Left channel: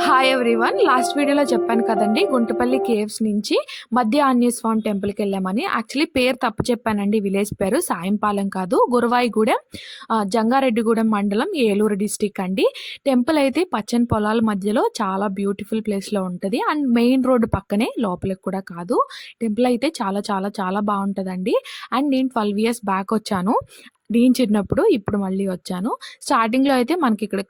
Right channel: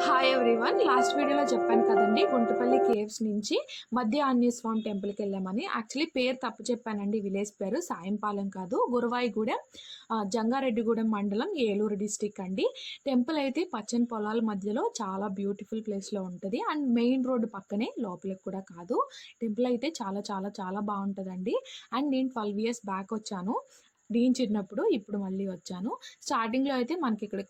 Hi everyone. Last వీడియోలో చెప్పాను కదండీ! గుంటుపల్లి కేవ్స్ నుంచి మధ్య ఆంజనేయ స్వామి టెంపుల్‌కెళ్ళామని. యాక్చువల్లీ పేరు తప్పు చెప్పానండి. విలేజ్ పేరు సాయంపాలెం కాదు. గురవాయిగూడెం, జంగారెడ్డిగూడెం మండలం, ఏలూరు డిస్ట్రిక్ట్ అండి. టెంపుల్ అయితే పచ్చని పొలాల మధ్యలో చాలా బ్యూటిఫుల్ ప్లేస్‌లో ఉంటది. అండ్ మెయిన్ రోడ్ పక్కనే, లోపలికి కూడా కాదు. టెంపుల్ అయితే చాలా చాలా చాలా బావుంటదండి. అండ్ నేను 12 ఇయర్స్ బ్యాక్ వచ్చాను. నేను చిన్నప్పుడు, ఇప్పుడు మళ్ళీ వచ్చాను. స్టార్టింగ్‌లో అయితే మనకిక్కడ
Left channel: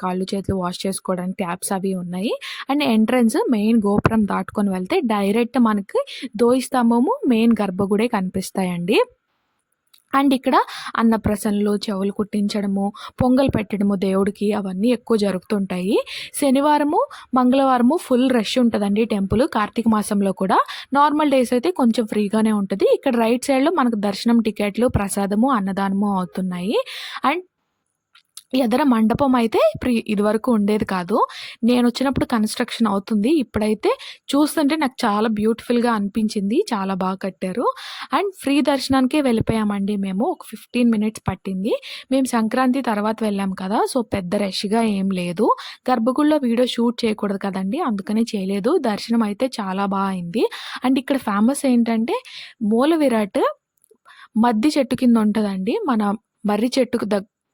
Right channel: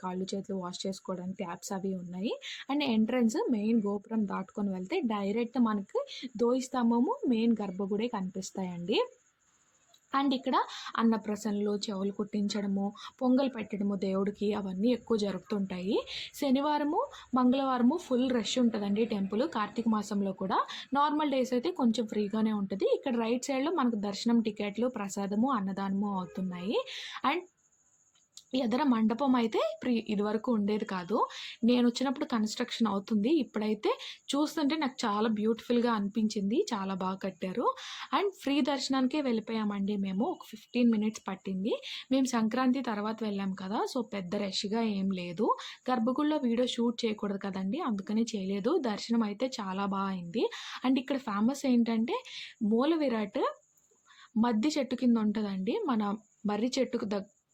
కాళ్ళు, చేతులు వాష్ చేసుకోవడానికి ట్యాప్స్ అవి ఉన్నాయి. అండ్ ఎంట్రన్స్ మెయిన్ గోపురం దాటుకొని వెళ్తే డైరెక్ట్ మనకి ధ్వజస్తంభము, మెయిన్ గర్భగుడే కనిపిస్తాయండి. అండ్ ఇక్కడ అన్నప్రసన్నలు, చెవులు కుట్టించడము, పొంగల్ పెట్టడము దేవుడికి అవన్నీ ఎక్కువ జరుగుతుంటాయి. శనివారము, మంగళవారము ఫుల్ రష్ ఉంటదండి టెంపుల్. కార్తీక మాసంలో కూడా. నార్మల్ డేస్ అయితే కొంచెం ఫ్రీగానే ఉంటది. ఇక్కడ రైట్ సైడ్‌లో మనకు దర్శనం టికెట్లు, ప్రసాదము, అన్నదానము అవుతున్నాయి. అండ్ ఎదర మండపం అయితే ఇదివరకు ఉండేది కాదు. నేనొచ్చినప్పుడు కన్‌స్ట్రక్షన్ అవుతుంది. ఇప్పుడైతే చూస్తుంటే నాకు చాలా బ్యూటిఫుల్‌గా అనిపించింది. చాలా బాగా కట్టారు. అండ్ ఫ్రీ దర్శనానికే వెళ్ళిపోయామండి మేము. ఒక 15 మినిట్స్ పట్టింది. మేము సంక్రాంతి తర్వాత వెళ్ళాం కదా! సో, పెద్ద రష్‌గా ఏం లేదు. గర్భగుడిలో వీడియో షూట్ చేయకూడదు కదండీ! అందుకనే చేయలేదు. దర్శనం అయితే చాలా అయింది. అండ్ ఇక్కడ ఫేమస్ ఏంటంటే మూల విరాట్ మద్ది చెట్టు కింద ఉంటదండి. మన మర్రి చెట్టుకు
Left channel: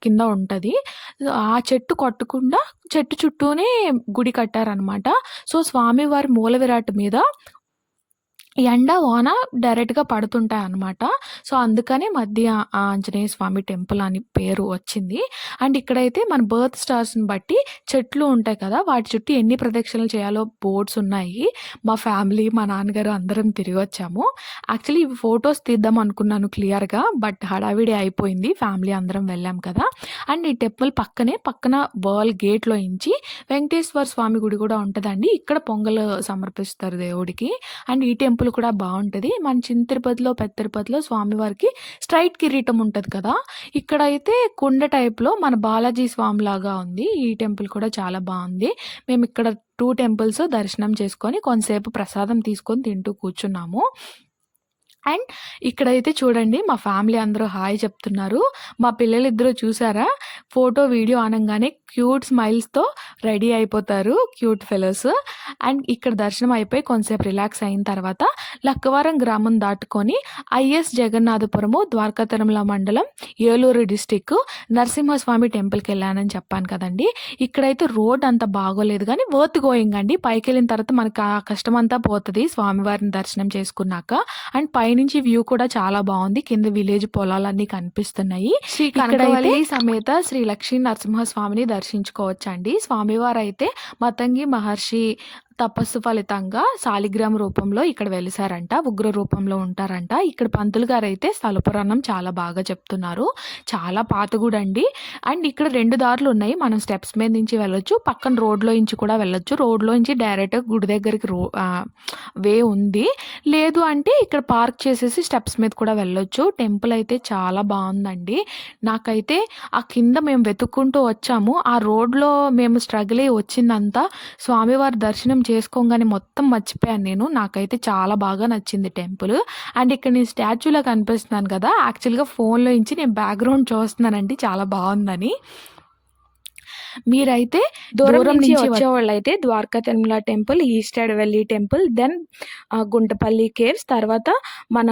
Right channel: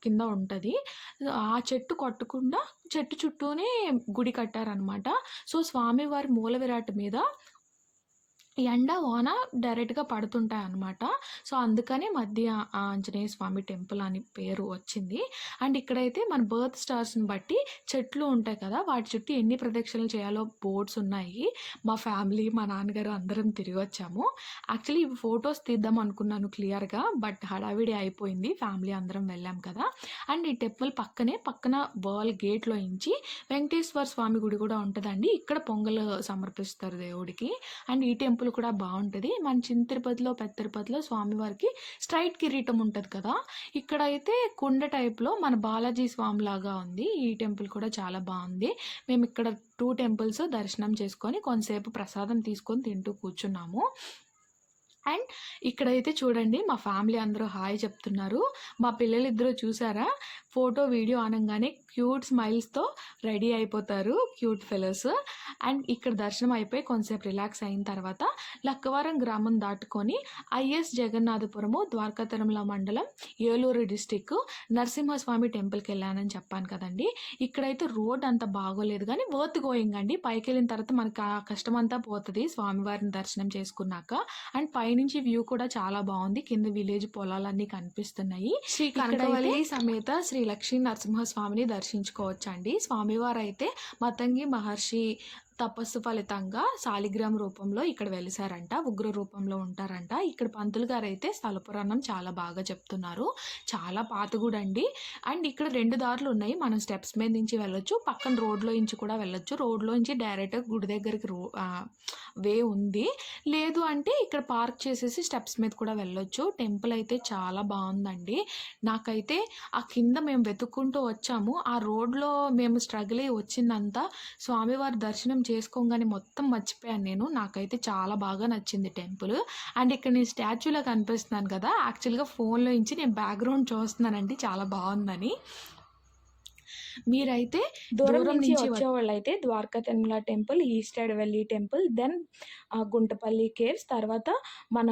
కింద ఉంటది. ఆ చెట్టు కొట్టకుండా చెట్టు చుట్టూనే గుడి కట్టారనమాట. సో, స్వామివారి మూల విరాట్ మీద ఎండ, వాన డైరెక్ట్‌గా పడుతుంటాయన్నమాట. సో, అందుకని మధ్య ఆంజనేయ స్వామి టెంపుల్ అని పేరు వచ్చింది. అండ్ ఇక్కడైతే మన బర్త్ స్టార్స్‌ని బట్టి చెట్లు ఉంటాయి కదా! వాటి చుట్టూ ఎన్ని ప్రదక్షిణలు చేయాలో బోర్డ్స్ ఉన్నాయి. మా ఫ్యామిలీ, మా నాన్నగారు అందరం తిరిగొచ్చాము. యాక్చువల్లీ ఇవి ఫోటోస్ తీద్దాం అనుకున్నాను క్లియర్‌గా. బట్ హడావిడి అయిపోయింది. ఫ్యామిలీ అందరం వెళ్ళాం కదా! అండ్ ఈ టెంపుల్ పక్కన వాల్ గేట్‌లో ఇంచి వెంకటేశ్వర స్వామి గుడి కూడా ఉంటదండి. ఇక్కడ పొంగల్ సమర్పిస్తారు దేవుడికి. అండ్ ఈ టెంపుల్ కూడా బావుంటది. మన చిన్న తిరుపతిలో, పెద్ద తిరుపతిలో స్వామివారికి స్ట్రెయిట్ కిరీటం ఉంటది కదా! ఇక్కడైతే కుండ టైప్‌లో మన బాలాజీ స్వామిలాగా ఉంది. ఈ టెంపుల్ కూడా చాలా బావుంది. మేమిక్కడ 2 టెంపుల్స్ దర్శనం చేసుకొని కొంతసేపు ప్రసాదం తీసుకొని తింటూ కూర్చున్నాము. అండ్ ఇక్కడైతే చూడండి మా ఫ్యామిలీ అందరూ హాయ్ చెప్తున్నారు. మా పిల్లలిద్దరూ చూసారా? ఫోటో, వీడియో అనంగానే క్యూట్ స్మైల్స్‌తో రెడీ అయిపోతారు. Cute fellows. అండ్ ఇక్కడ దర్శనం అయిపోయి కొంతసేపు రిలాక్స్ అయిన తర్వాత లక్కవరం గ్రామం దాటుకొని ఐఎస్ జగన్నాథపురము, ద్వారకా తిరుమల మండలం, ఏలూరు డిస్ట్రిక్ట్ నరసింహస్వామి టెంపుల్‌కెళ్ళానని చెప్పాను కదండీ! ఇక్కడైతే రోడ్ అంత బాగోలేదు గానీ వర్త్ గోయింగ్ అండి. పైకెళ్ళిన తర్వాత మనకు ఆ కష్టమంతా పోతది స్వామివారిని దర్శనం చేసుకున్నాక. అండ్ పైనుంచి వ్యూ కూడా చాలా బావుంది. కింద విలేజ్ పొలాలన్నీ కనిపిస్తున్నాయి. శ్రీ కనకవల్లి సమేత శ్రీ లక్ష్మీ నరసింహస్వామిని దర్శించుకోవచ్చండి. స్వామివారైతే మతంగి మహర్షి తపస్సు ఫలితంగా శాలిగ్రామ రూపంలో ఇక్కడ వెలిసారంట. ఉగ్ర రూపంలో ఉంటారంట. ఇక్కడ పంతులు గారైతే స్థల పురాణం చాలా బాగా చెప్తున్నారు. చాలా పాత గుడండి. అండ్ ఇక్కడ 2 దారులున్నాయి. మనం స్టెప్స్ మీద నుంచి వెళ్ళొచ్చు. పక్కన రోడ్‌లో నుంచి కూడా వెళ్ళొచ్చు. రోడ్‌లో నుంచి డైరెక్ట్‌గా గుడి దగ్గరికి వే ఉంది. లేదు అంటే ఇక్కడ పార్క్ చేసేసి స్టెప్స్ మీద కూడా వెళ్ళొచ్చు. టెంపుల్ అయితే చాలా బావుందండి. నాకైతే ఆ కింద మేము వెతుక్కుంటూ వచ్చాము. ఆ రోడ్‌లో మేము స్ట్రగుల్ అయ్యి వచ్చిందంతా స్వామివారి దర్శనం చేసుకోంగానే మొత్తం మర్చిపోయాను నేను. నాకైతే చాలా బాగా నచ్చింది టెంపుల్. అండ్ ఇక్కడ నేను స్టాచ్యూలా కనిపిస్తున్నాను కదా! యాక్చువల్‌గా ఫోన్‌లో నుంచి నేను బ్యాక్‌గ్రౌండ్ చూస్తున్నానండి చాలా బావుందని. మీరైతే దూరం నుంచి వచ్చేవాళ్ళైతే ద్వారకా తిరుమల టెంపుల్, ఈస్ట్ వెల్లి టెంపుల్, దెన్ గుంటపల్లి కేవ్స్, తర్వాత మన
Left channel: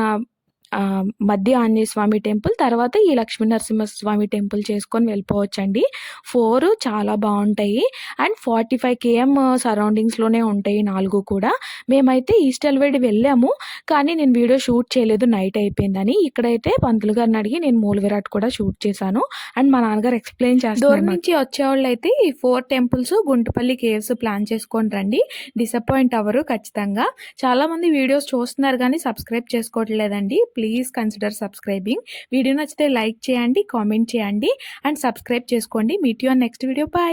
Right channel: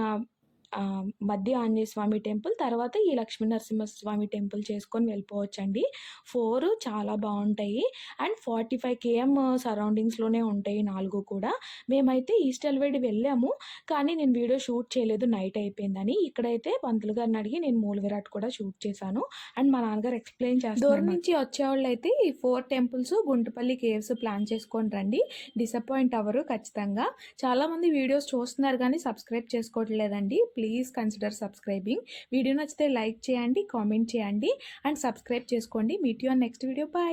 మధ్య ఆంజనేయ స్వామి టెంపుల్, తర్వాత ఈ లక్ష్మీ నరసింహస్వామి టెంపుల్ చేసుకొని వెళ్ళిపోవచ్చండి. 4 చాలా బావుంటాయి. అండ్ 45 కేఎం సరౌండింగ్స్‌లోనే ఉంటాయి 4 కూడా. మేమైతే ఈస్ట్ ఎల్వేడి వెళ్ళాము. కానీ నేను వీడియో షూట్ చేయలేదు నైట్ అయిపోయిందని. ఇక్కడైతే పంతులు గారిని అడిగి నేను మూల విరాట్ కూడా షూట్ చేశాను. అండ్ మా నాన్నగారు ఎక్స్‌ప్లెయిన్ చేస్తున్నారు. దూరం నుంచి వచ్చేవాళ్ళైతే ఈ 4 టెంపుల్స్, గుంటపల్లి కేవ్స్ ప్లాన్ చేసుకొని రండి. డిసప్పాయింట్ అవ్వరు ఖచ్చితంగా. చాలామంది వీడియోస్ చూస్తున్నారు కానీ సబ్స్క్రైబ్ చేసుకోవట్లేదండి. Please consider subscribing. వీడియో నచ్చితే లైక్ చేయండి, కామెంట్ చేయండి అండ్ సబ్స్క్రైబ్ చేసుకోండి. Meet you on next video. Bye.